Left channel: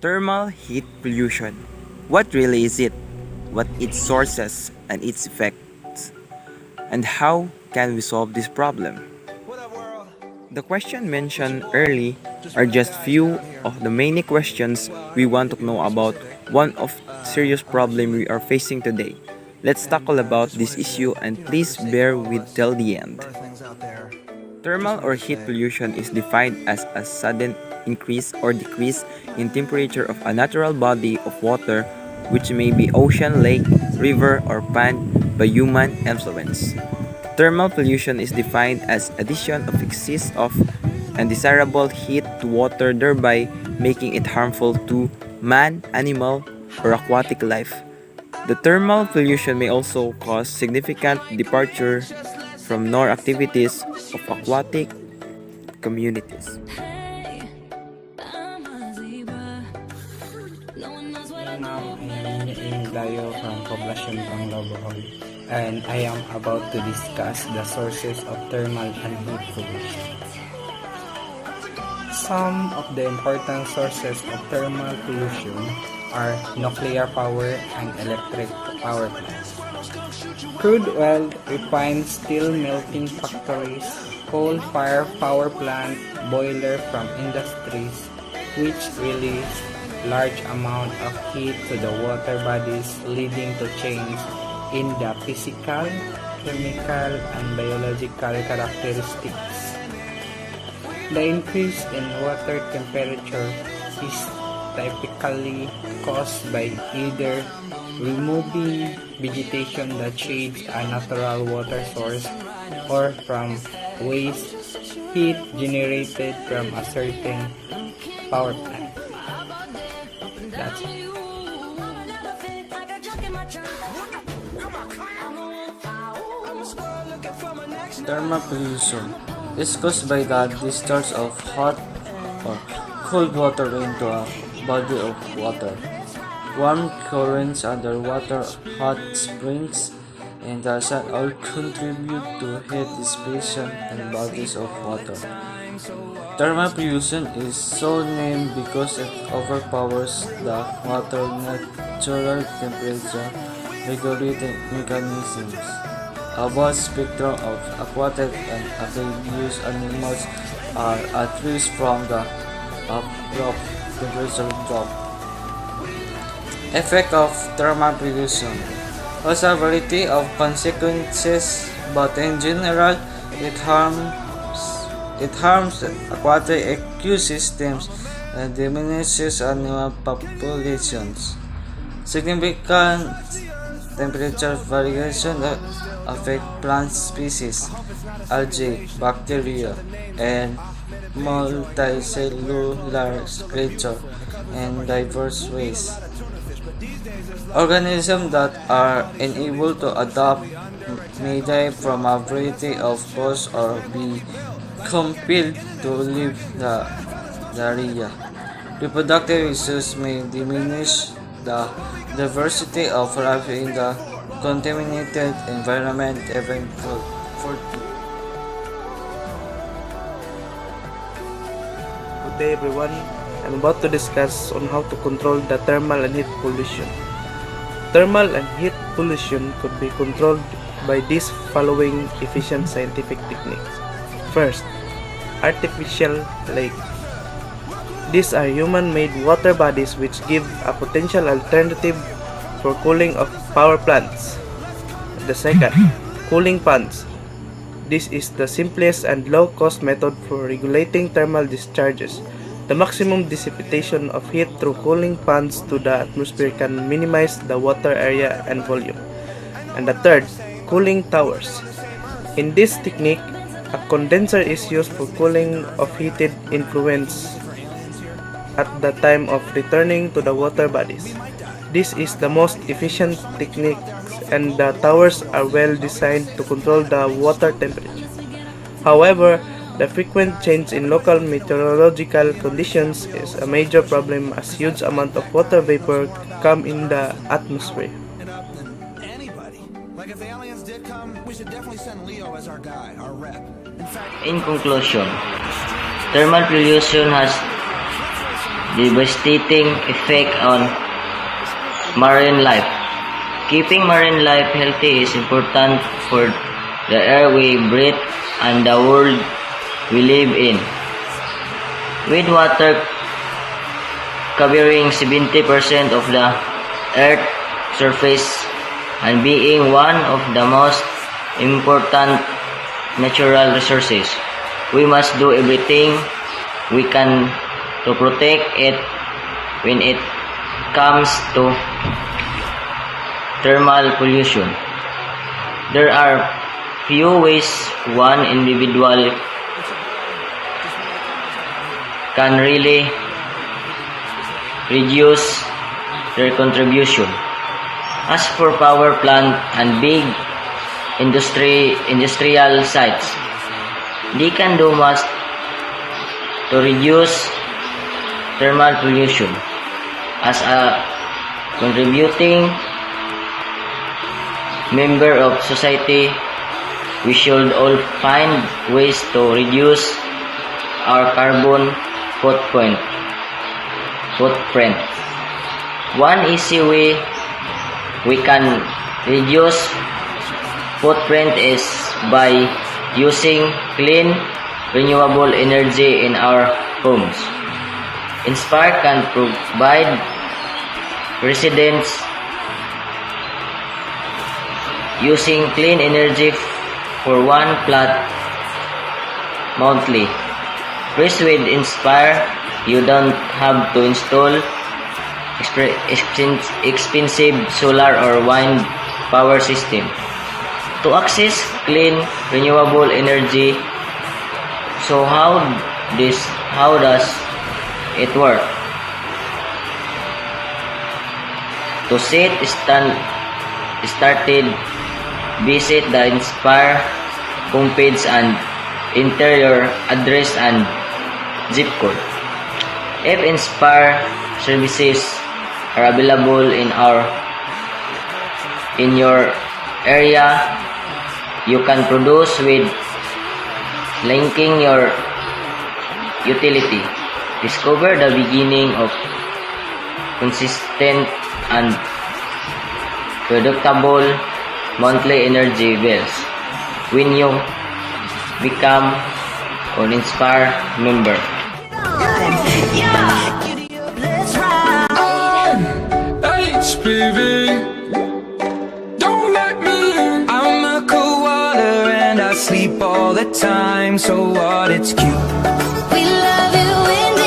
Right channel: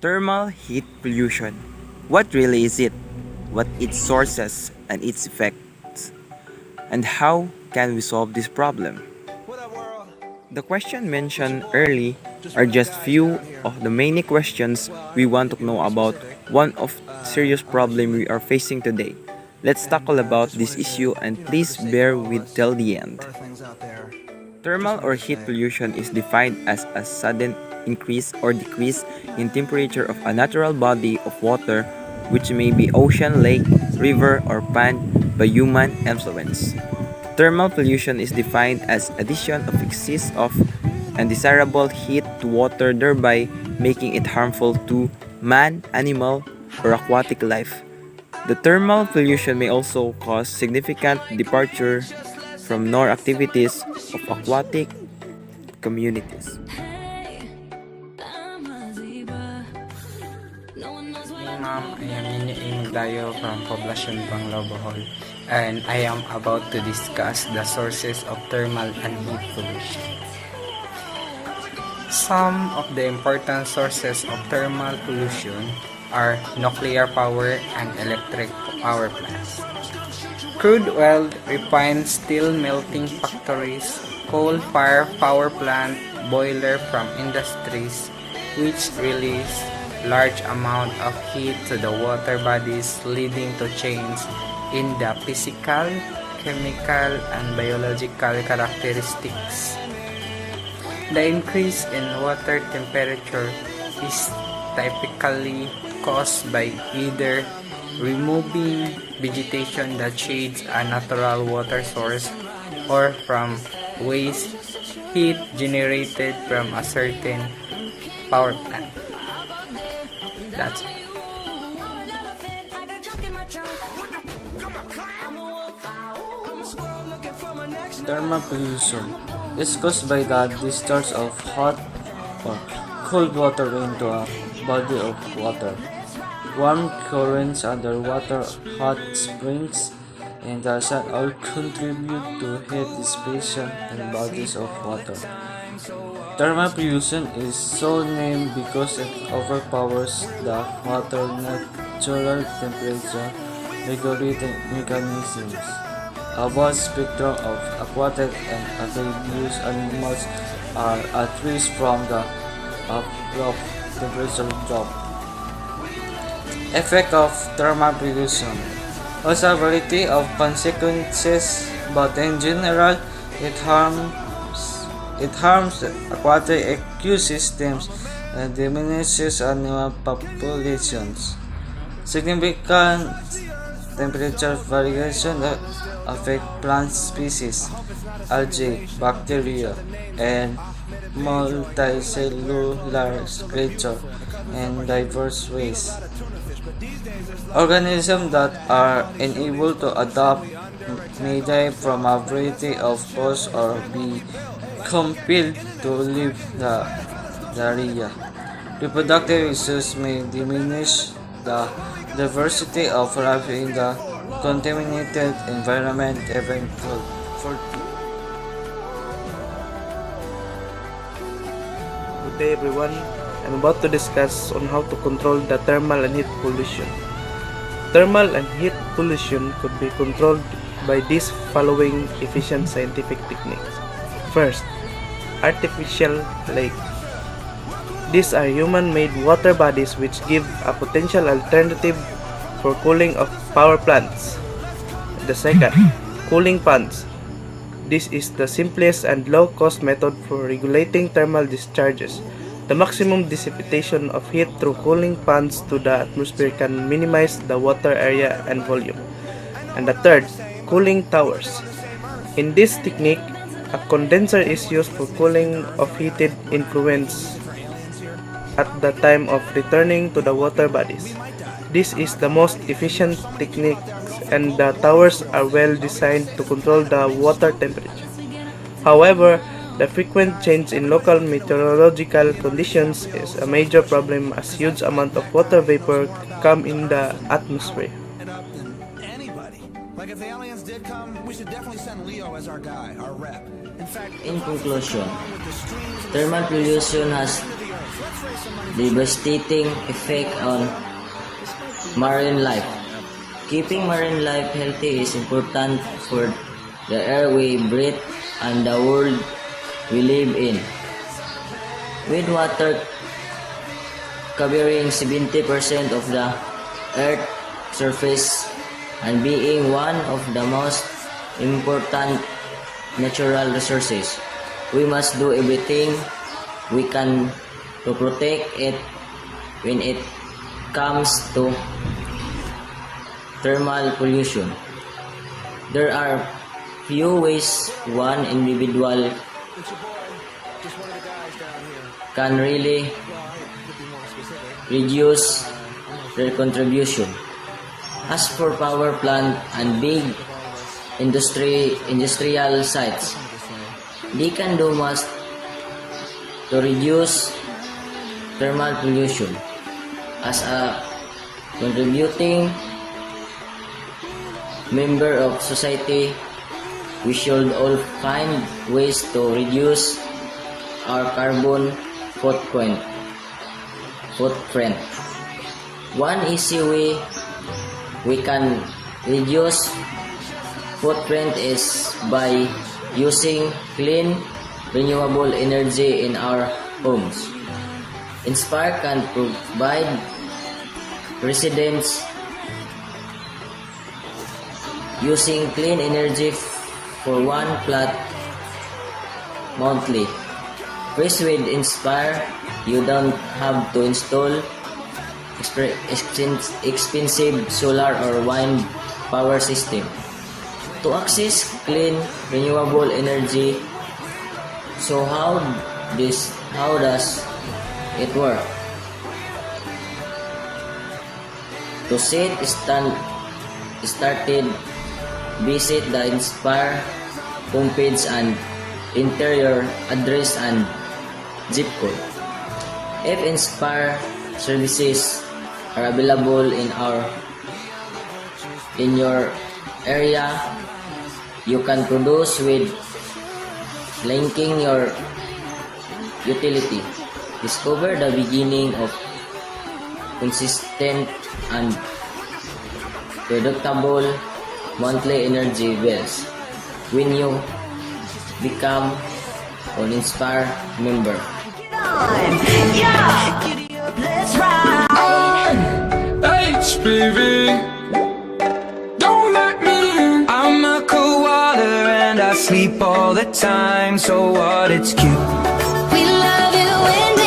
Thermal heat pollution. What really is it? What its sources and its effects? And how can we solve this problem? The questions mentioned early are just few of the many questions we want to know about one of serious problem we are facing today. Let's tackle about this issue and please bear with till the end. Thermal or heat pollution is defined as a sudden increase or decrease in temperature of a natural body of water, which may be ocean, lake, river, or pond, by human influence. Thermal pollution is defined as addition of excess of undesirable heat to water, thereby making it harmful to man, animal, or aquatic life. The thermal pollution may also cause significant departure from normal activities of aquatic communities. Ma'am, I am Dayo from Poblacion Banglaw, Bohol, and I am about to discuss the sources of thermal and heat pollution. Some of the important sources of thermal pollution are nuclear power and electric power plants, crude oil refined steel melting factories, coal-fired power plant, boiler from industries, which release large amount of heat to the water bodies, leading to change in the physical, chemical, and biological characteristics. The increase in water temperature is typically caused by either removing vegetation that shades a natural water source or from waste heat generated from a certain power plant. That's it. Thermal pollution is caused by the discharge of hot or cold water into a body of water. Warm currents underwater, hot springs, and the sun all contribute to heat dissipation in bodies of water. Thermal pollution is so named because it overpowers the water natural temperature regulating mechanisms. A broad spectrum of aquatic and amphibious animals are at risk from the abrupt temperature drop. Effect of thermal pollution has a variety of consequences, but in general, it harms aquatic ecosystems and diminishes animal populations. Significant temperature variation affect plant species, algae, bacteria, and multicellular creatures in diverse ways. Organisms that are unable to adapt may die from a variety of causes or be compelled to leave the area. Reproductive issues may diminish the diversity of life in the contaminated environment even for Good day everyone. I'm about to discuss on how to control the thermal and heat pollution. Thermal and heat pollution could be controlled by these following efficient scientific techniques. First, artificial lake. These are human-made water bodies which give a potential alternative for cooling of power plants. The second, cooling ponds. This is the simplest and low-cost method for regulating thermal discharges. The maximum dissipation of heat through cooling ponds to the atmosphere can minimize the water area and volume. And the third, cooling towers. In this technique, a condenser is used for cooling of heated effluents at the time of returning to the water bodies. This is the most efficient technique, and the towers are well designed to control the water temperature. However, the frequent change in local meteorological conditions is a major problem as huge amount of water vapor come in the atmosphere. Like if the aliens did come, we should definitely send Leo as our guy, our rep. In fact, In conclusion, thermal pollution has devastating effect on marine life. Keeping marine life healthy is important for the air we breathe and the world we live in. With water covering 70% of the Earth's surface and being one of the most important natural resources, we must do everything we can to protect it. When it comes to thermal pollution, there are few ways one individual can really reduce their contribution. As for power plant and big industrial sites, they can do much to reduce thermal pollution. As a contributing member of society, we should all find ways to reduce our carbon footprint. One easy way we can reduce footprint is by using clean, renewable energy in our homes. Inspire can provide residents using clean energy for one flat monthly. First, with Inspire, you don't have to install expensive solar or wind power system. To access clean, renewable energy, so how does it work? To started, visit the Inspire homepage and enter your address and zip code. If Inspire services are available in your area, you can produce with linking your utility. Discover the beginning of consistent and predictable monthly energy bills when you become an Inspire member. Let's ride. HPV, don't let me in. I'm a koala and I sleep all the time, so what? It's cute. We love you in